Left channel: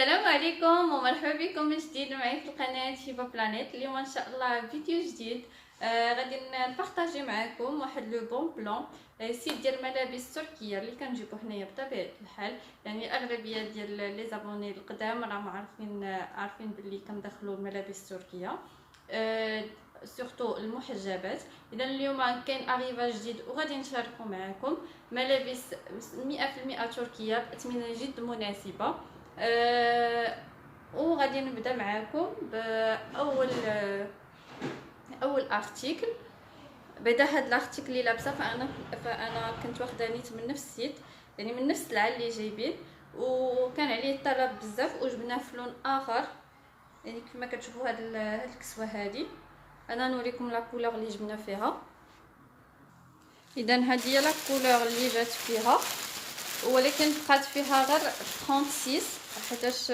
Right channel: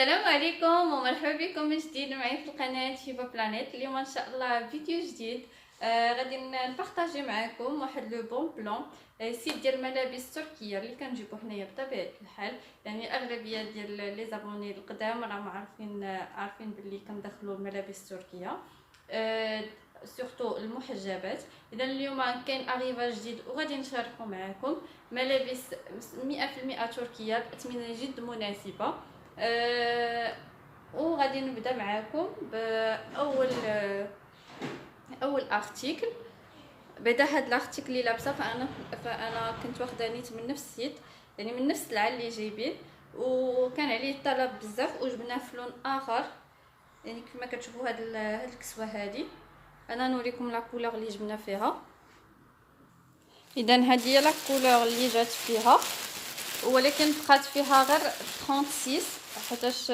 السلام عليكم ومرحبا بكم من جديد معي في القناه هبه بلانيت. اليوم ان شاء الله فيديو جديد. غادي نبارطاجي معكم واحد لو بون بلان سيت ديال الملابس التركيه اللي كنجيبو حنايا بطبيعه الحال. يعني الاغلبيه ديال لي زابوني القدام راهم عارفين باللي كندخلوا الملابس التركيه، سورتو المحجبات. اذا اليوم كاين اريفاج جديد وغادي نشاركو معكم ملابس 100% تركيه باثمنه جد مناسبه. وغادي نبدا معاكم باول اول ارتيكل. بدا هاد الارتيكل اللي لابسه فانا كنت واخده نيت من نفس السيت، يعني من نفس السلعه اللي جايبين، وكان عليه الطلب بزاف وجبناه في لون اخر. يعني كما كتشوفوا هاد الكسوه هادي، انا نوريكم لا كولور اللي جبنا فيها. اذا هذه هي لا كولور اللي جات فيها، ولكن بقات فيها غير 36 حيتاش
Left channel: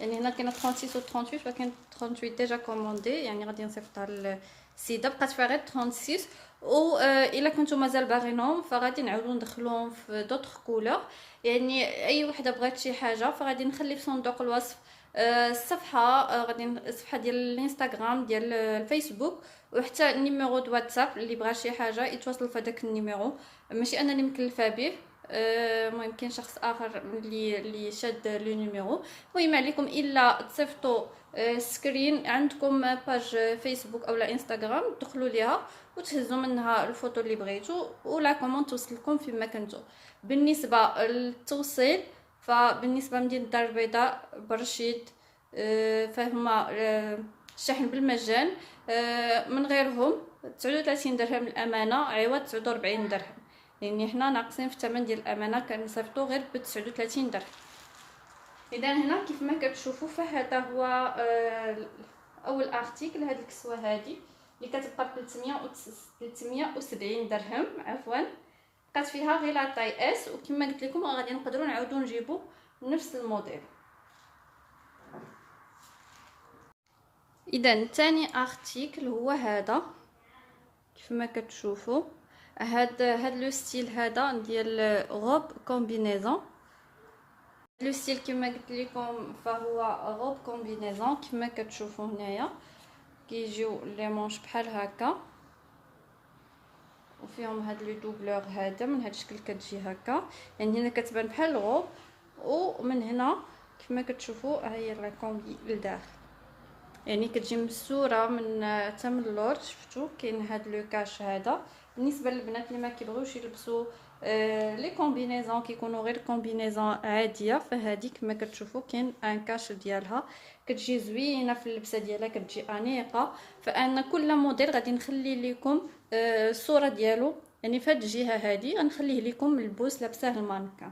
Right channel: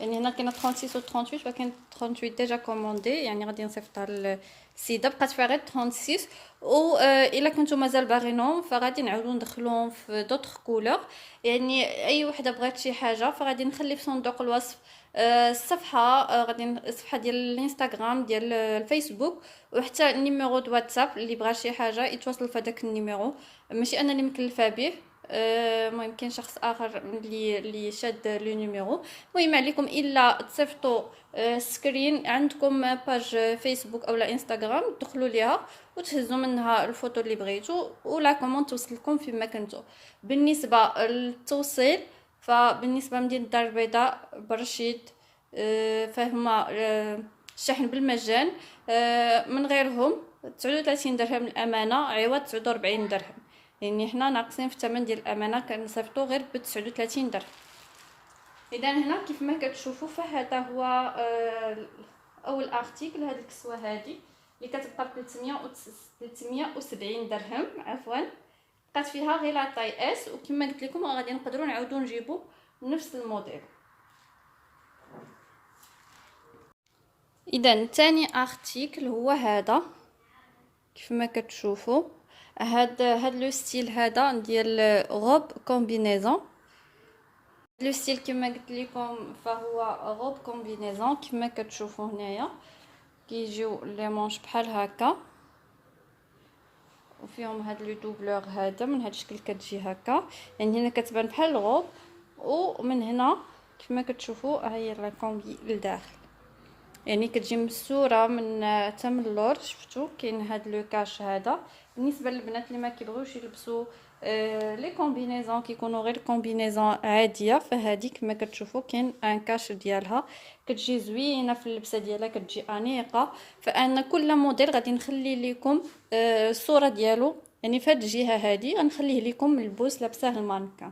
يعني هنا كاينه 36 و 38 ولكن 38 ديجا كوموندي، يعني غادي نصيفطها للسيده. بقات فيها غير 36 و الا كنتو مازال باغينهم فغادي نعاودو ندخلوهم في دوطخ كولور. يعني اي وحده بغات شي حاجه فغادي نخلي في صندوق الوصف الصفحه، الصفحه ديال الانستغرام ديال الفيسبوك، وحتى النيميرو دو واتساب اللي بغى شي حاجه يتواصلوا في هذاك النيميرو. ماشي انا اللي مكلفه به، المهم كاين شخص اخر اللي شاد لو نيميرو. المهم عليكم الا تصيفطوا سكرين عندكم باج فيسبوك او لا انستغرام، تدخلوا ليها وتهزوا منها الفوتو اللي بغيتو ولا كومون توصلكم فيما كنتو. بالنسبه للتوصيل، فبالنسبه لمدينه الدار البيضاء برشيد فهما الشحن بالمجان، من غيرهم 39 درهم الامانه عوض 49 درهم. يعني حنا ناقصين في الثمن ديال الامانه، كنصيفطو غير ب 39 درهم. اذا هنا كيف ما كتشوفوا فهذا هو اول ارتيكل. هاد الكسوه هادي اللي كتبقى ب 370 درهم عفوا، بقات فيها غير لا طاي اس، وكما قلت لكم غادي نقدروا نعاودوا نجيبوا نفس الموديل. اذا ثاني ارتيكل هو هذا كيف ما كتشوفوا. هاد لو ستيل هذا ديال غوب كومبينيزون. لو ستيل كما قلت لكم فهو غوب كومبينيزون. كما كتشوفوا هنايا كيجيو لي مونش بحال هكا، وفيهم هاد لو دوبلور هذا من هاد الشكل كتجي هكا. يعني هنا كتبان بحال الغوب، ومن هنا كما كتشوفوا ها هي لا كومبي لداخل. يعني كتجي مسوره من حتى من اللور. شفتوا كاين هاد لو كاش هذا بالنسبه للبنات اللي ما كيبغيوش يلبسوا لي كومبينيزون، كيكونوا غير كومبينيزون عاديه. فهادي كما كتشوفوا كاين ان كاش ديالها، كتجي زوينه في اللبسه ديالها، كتجي انيقه. فانا كل موديل غادي نخلي لكم الصوره ديالو، يعني في هاد الجهه هادي غنخليه لكم البوس لابسه المانكا.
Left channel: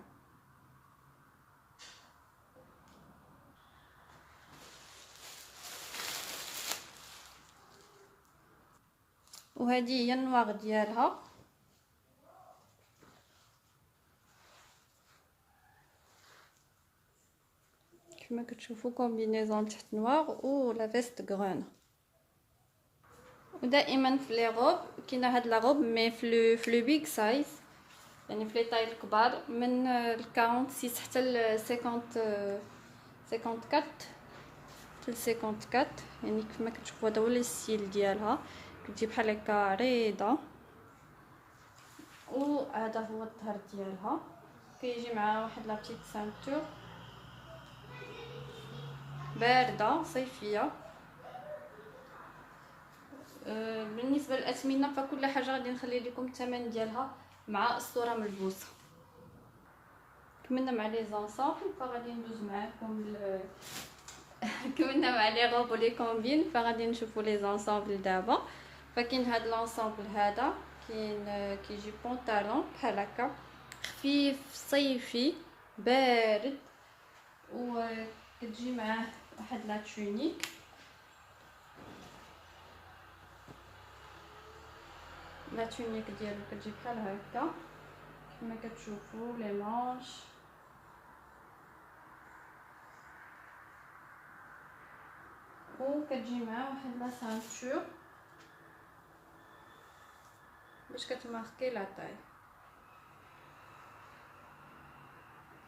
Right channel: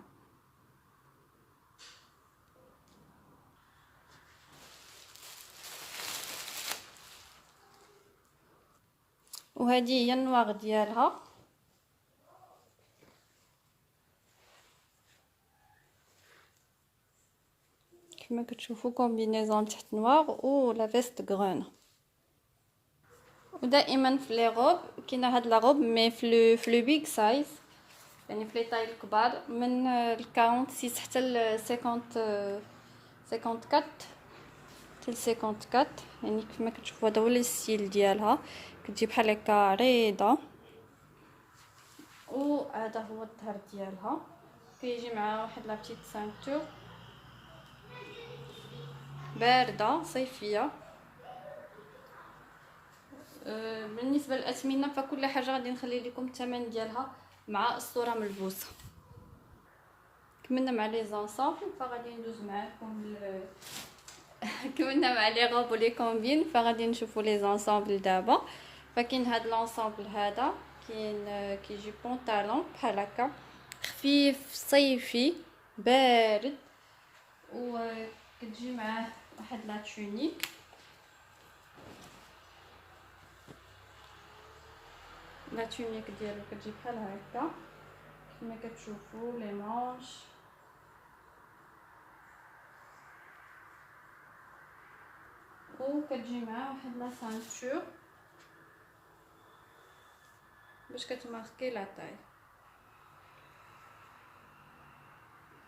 وهذه هي النواغ ديالها. كما كتشوفوا كومبينيزون تحت نوار و لا فيست غرون. ودائما في لي روب كاينه هاد لا روب مي في لو بيغ سايز، يعني في لي طاي الكبار من 46 حتى ل 54 حتى ل 54. يعني كما كتشوفوا هذا هو الستيل ديالها، كتجي بحال هكا عريضه. وهذا هو الظهر ديالها، كيجي معها واحد لا بتيت سانتور بارده صيفيه. بالنسبه للاثمنه فكل حاجه غادي نخلي لكم الثمن ديالها مع الصوره ملبوسه. كملنا مع لي زونسامبل فغادي ندوز معكم كملنا مع لي روب ولي كومبين، فغادي نشوفوا لي زونسامبل دابا. فكاين هاد لونسامبل هذا كاين كيجي بونطالون بحال هكا خفيف صيفي بارد، وكتجي معاه واحد لا تونيك. لا تونيك ديالو كتجي بحال هكا كما كتشوفوا لي مانش، وكتجي معاه واحد لا سانتور باش كتماركي لا طاي.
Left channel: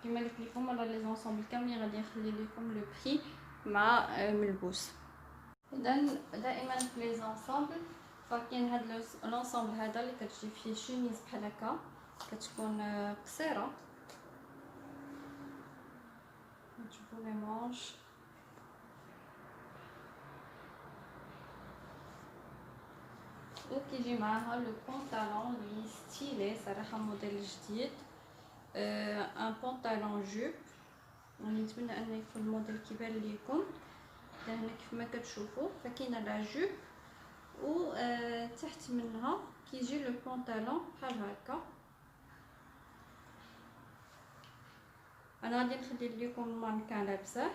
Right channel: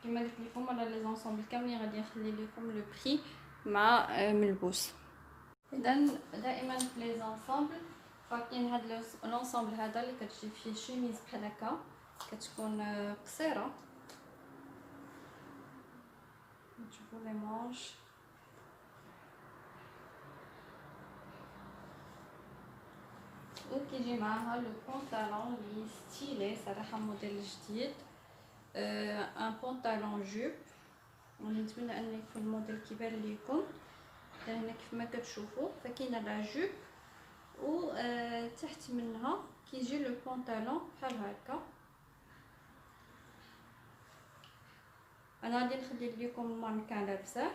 كما قلت لكم راه لي زونسومبل كاملين غادي نخلي لكم لو بري مع ملبوس. اذا دائما في لي زونسومبل فكاين هاد لونسومبل هذا اللي كتجي فيه شيميز بحال هكا كتكون قصيره، نشوفوا لي مونش وكيجي معاها لو بونطالون اللي ستيلي صراحه موديل جديد، ان بونطالون جوب. ونتمنى ان يكون الموديل كيبان لكم. هنا كيف ما كتشوفوا فكاينه لا جوب و تحت منها كيجي لو بونطالون بحال هكا. انا غادي نخلي لكم المانكان لابسه،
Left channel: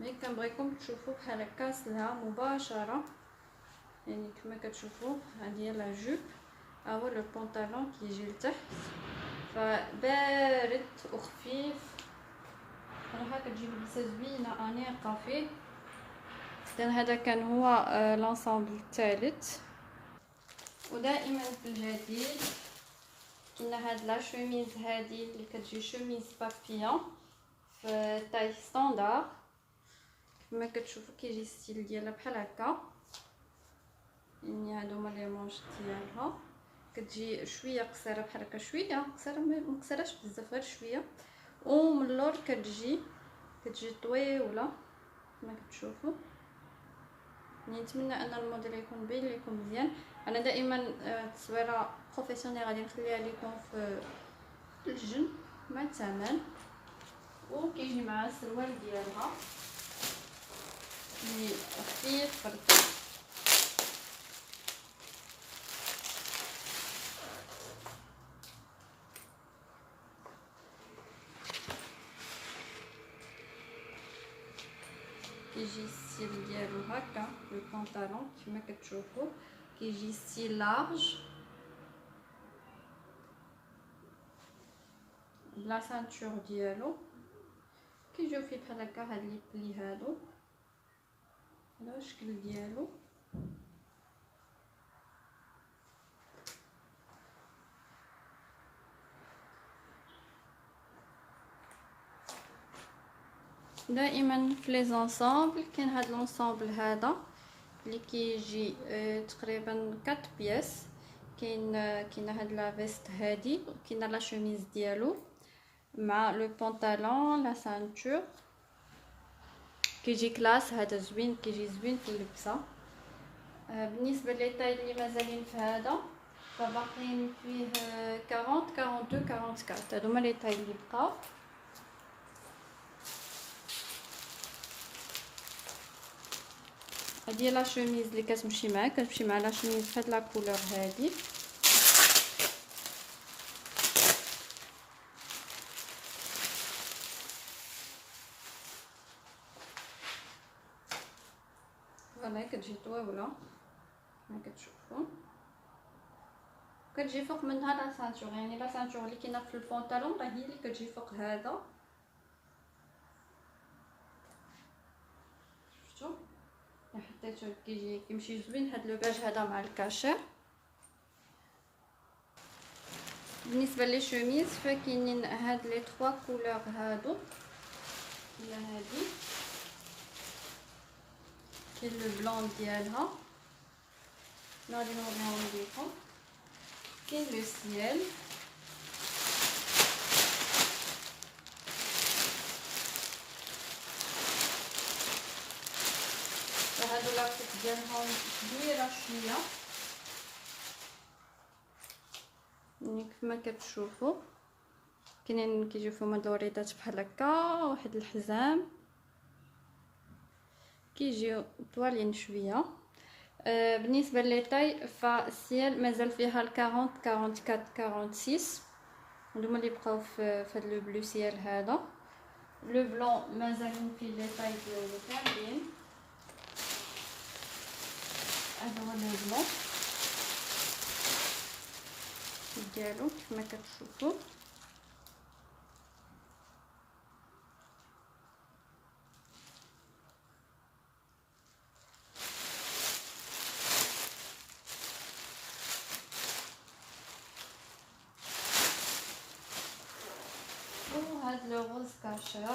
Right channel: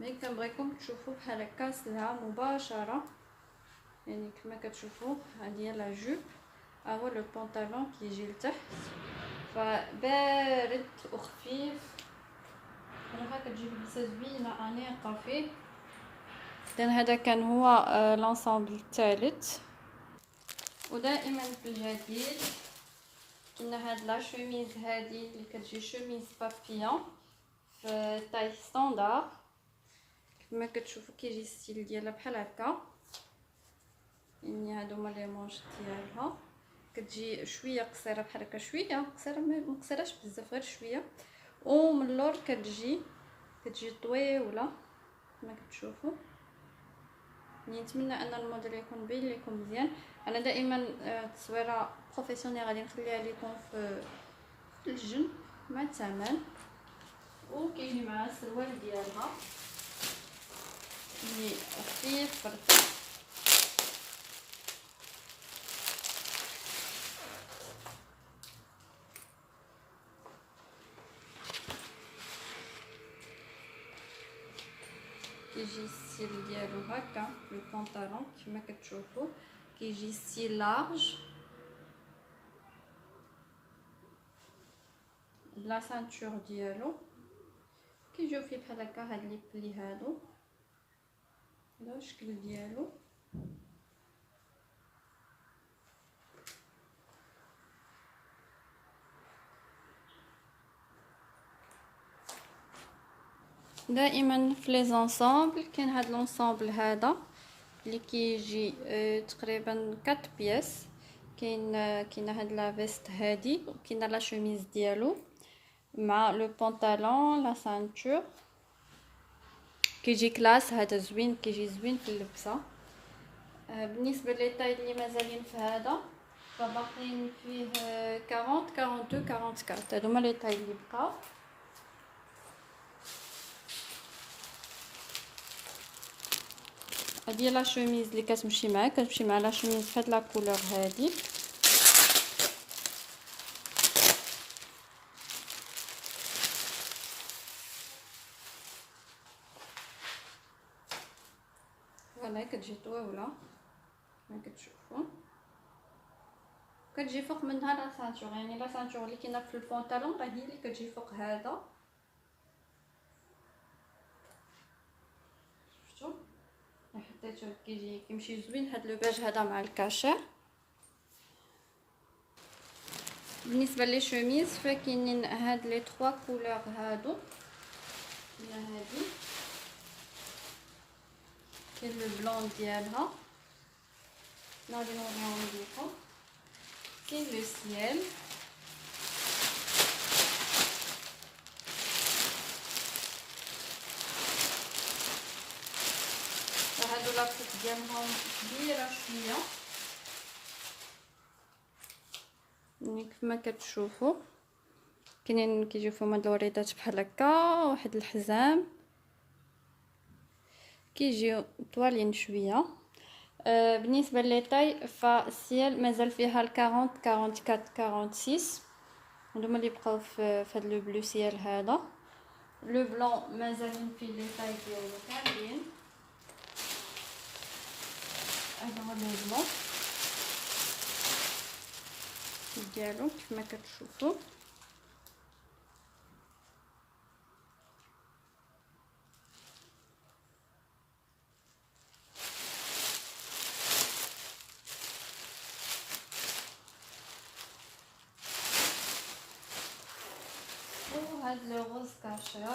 ملي كنبغيكم تشوفوا بحال هكا سلها مباشره. يعني كما كتشوفوا هذه هي لا جوب، ها هو لو بونطالون كيجي لتحت، فبارد وخفيف صراحه كتجي لبسه زوينه انيقه فيه. اذا هذا كان هو لونسومبل الثالث. ودائما في الجديد كاينه هاد لا شوميز هادي اللي كتجي شوميز بابيون في تاي ستاندار. كما كتشوفوا كيجي ستيل ديالها بحال هكا، يعني هادو هما لي مونش ديالها. كتجي شويه قصيره بحال هكا، شويه قصيره ما مقصيراش بزاف غير شويه، ومن اللور كتجي طويله كما كتشوفوا. نتمنى ان الموديل يكون باين لكم مزيان. انا دائما التصويره بروفيسيونيل غادي نخليها لكم في الجن مع الثمن. وكيجي مع السروال ديالها اللي خفيف رقيق. كيجي الستيل ديالو هكا لو بونطالون كما كتشوفوا، كيجي ستيل لارج بلا سانتور ديالو. كيجيو فيه بحال هكا هاد لي بلي هادو، هذا هو الشكل ديالو. دائما في لي زونسومبل كاين هاد لونسومبل هذا اللي كيجي تقريبا 4 بياس. كاينه هاد لا فيست هادي، وكاينه لا شوميز ديالو مع لو بونطالون لا سانتور. كيجي كلاس، هذا زوين، كيجي زوين في اللبسه. بالنسبه لي طاي اللي مازالين في هذا فباقيين فيه 40 42 44. هادو هما لي طاي اللي بقاو. هادي لا شوميز اللي كتمشي معاه، كتمشي مع لا شوميز فهاد لا كولور هادي. فوالا كتجي طويله كما كتشوفوا، كتجي فوق منها لا سانتور، يعني لا سانتور اللي كاينه في البونطالون راه هي اللي كتجي فوق هذا. شفتوا حطيتو كيمشي زوين هاد لو بيج هذا مع الكاشير. بالنسبه لي شوميز فكاينين هاد لي 3 كولور هادو، كاينه هادي كاين لو بلون ديالها نقدر نوريهم لكم. كاين لو سيال، وهادو لاكوت ديالهم كبيره شويه يعني كما كتشوفوا. كاينين كيجيو فيهم هاد الوريدات بحال هكا، واحد الحزام كيجيو طوالين شويه. بالنسبه لي طاي فالسيال مازال فيها 40 44 46، هادوما اللي بقاو في هاد لو بلو سيال هذا. لو بلون مازالين فيه لي طاي ديالو كاملين. هذا هو لو بلون ديالو كما كتشوفوا. هاد لو غوز كاشير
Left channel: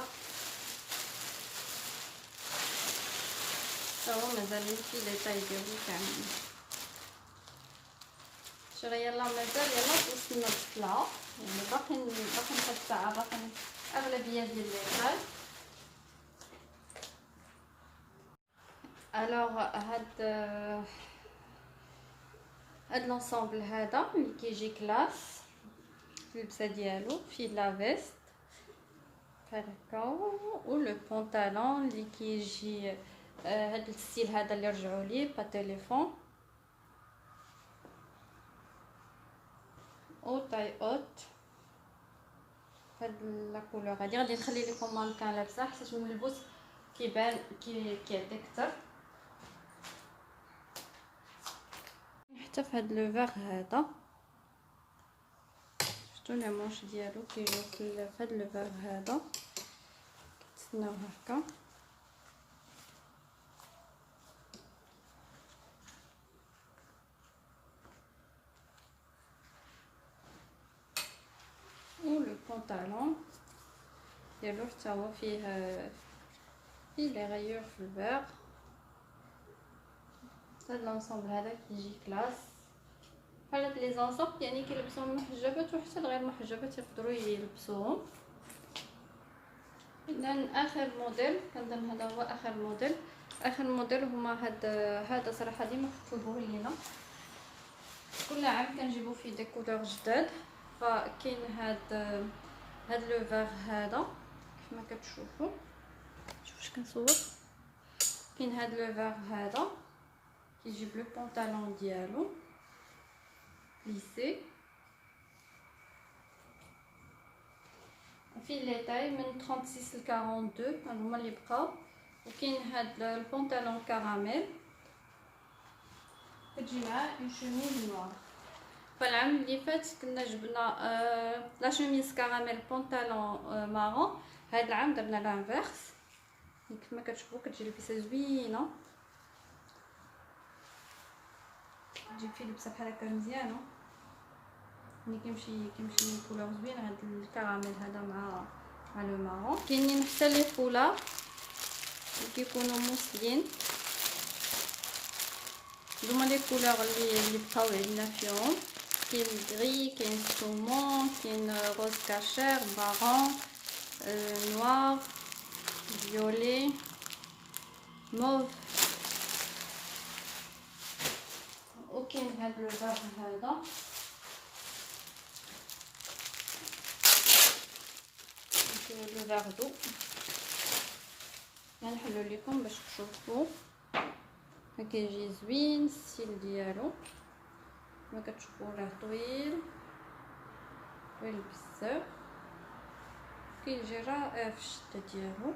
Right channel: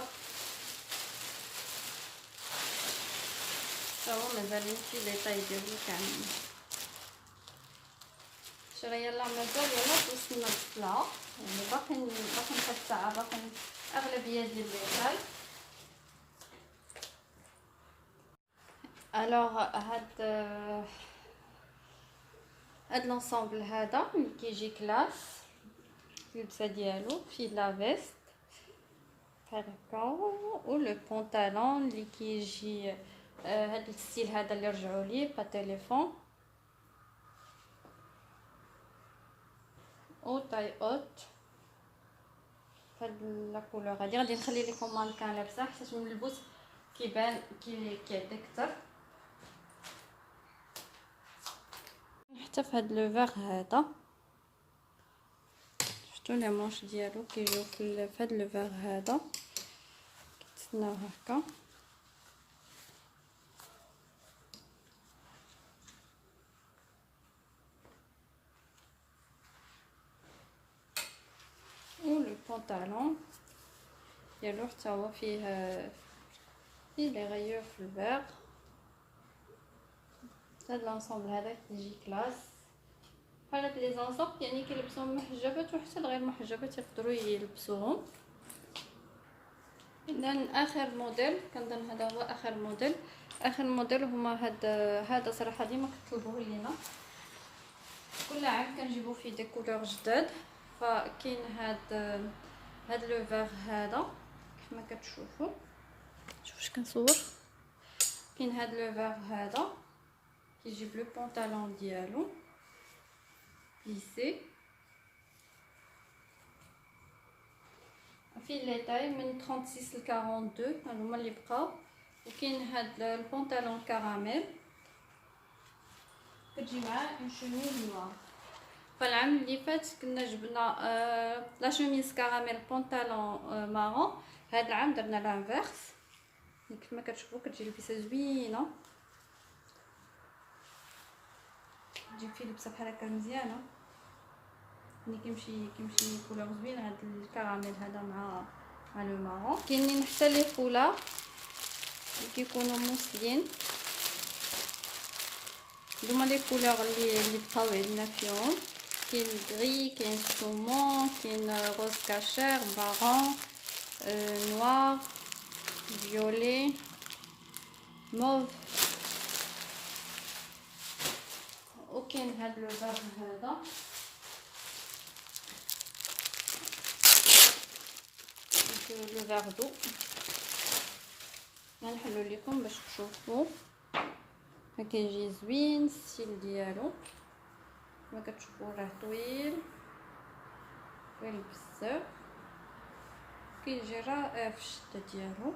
هو مازال في لي طاي ديالي كاملين. شرا يلا مازال يلا وصلنا للطلعه، يعني باقي واحد الساعه، باقي اغلبيه ديال لي طاي. الوغ هاد لونسومبل هذا ملي كيجي كلاس اللبسه ديالو فيه لا فيست بحال هكا، و لو بونطالون اللي كيجي هاد الستيل هذا اللي رجعوا ليه با تليفون، او تاي اوت هاد لا كولور هادي. غادي نخلي لكم مانكان لابسه حيت من اللبس كيبان كيعطي اكثر. حتى في هاد لو فيغ هذا شفتوا لي مونش ديالو كيجيو في هاد لو فيغ هذا كيتسناو هكا. و لو بونطالون ديالو حتى هو فيه لي غيور في الفيغ. هاد لونسومبل هذا كيجي كلاس بحال هاد لي زونسومبل، يعني كيلبسوهم المحجبات وحتى الغير محجبات يقدروا يلبسوهم. اذا اخر موديل كنظن هذا هو اخر موديل. اخر موديل هما هذا صراحه ديما كيطلبوه لينا، كل عام كنجيبو فيه دي كولور جداد. فكاين هاد لو فيغ هذا كيفما كتشوفوا، شوفوا واش كنصور. كاين هاد لو فيغ هذا كيجي بلو بونطالون ديالو ليسي، فيه لي تاي من 36 ل 42 هما اللي بقاو. وكاين هاد البونطالون كراميل كتجي معاه اون شوميز نوار. فالعام اللي فات كنا جبنا لا شوميز كراميل بونطالون مارون، هاد العام درنا لانفيرس. كما كتشوفوا كتجي لبسه زوينه، تجي فيه لبسه بحال هكا مزيانه، ملي كيمشي كولور زوين هاد الكراميل هذا مع لو مارون. كاينين حتى لي فولار اللي كيكونوا موسلين، هما لي كولور اللي بقاو عندنا فيهم. كاين غري، كاين سومون، كاين روز كاشير، مارون، نوار، فيولي، موف. وكاين هاد لو فار هذا لو فاردو، غنحلو لكم باش تشوفوا. كيجي زوين الستيل ديالو كما كتشوفوا، راه طويل طويل بزاف، كيجي رائع في الشده ديالو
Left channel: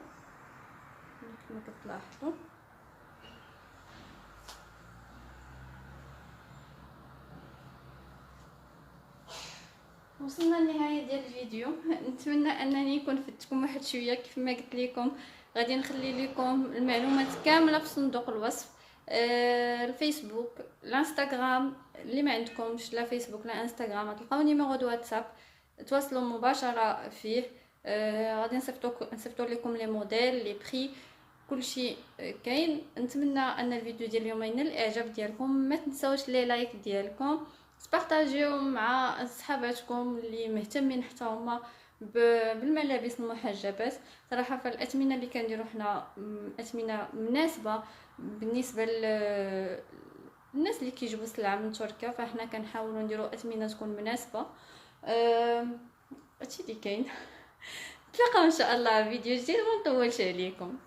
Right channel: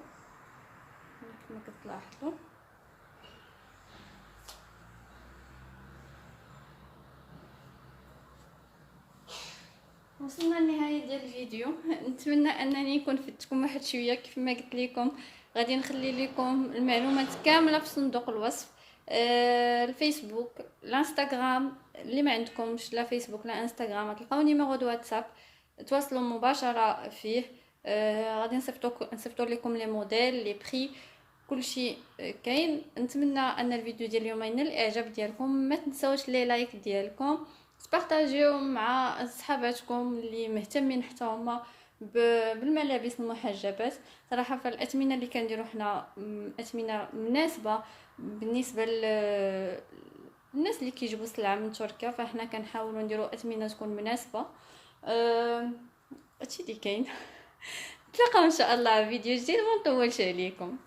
كما كتلاحظوا. وصلنا للنهايه ديال الفيديو، نتمنى انني نكون فدتكم واحد شويه. كيف ما قلت لكم غادي نخلي لكم المعلومات كامله في صندوق الوصف، الفيسبوك، الانستغرام. اللي ما عندكمش لا فيسبوك لا انستغرام غتلقاو نيميرو دو واتساب تواصلوا مباشره فيه. غادي نصيفطوا لكم لي موديل لي بري كلشي كاين. نتمنى ان الفيديو ديال اليوم ينال الاعجاب ديالكم. ما تنساوش لي لايك ديالكم، تبارطاجيو مع صحاباتكم اللي مهتمين حتى هما بالملابس المحجبات. صراحه فالاثمنه اللي كنديروا حنا اثمنه مناسبه بالنسبه للناس اللي كيجيبوا السلعه من تركيا، فاحنا كنحاولوا نديروا اثمنه تكون مناسبه. هادشي اللي كاين. نتلاقاو ان شاء الله في فيديو جديد، ما نطولش عليكم.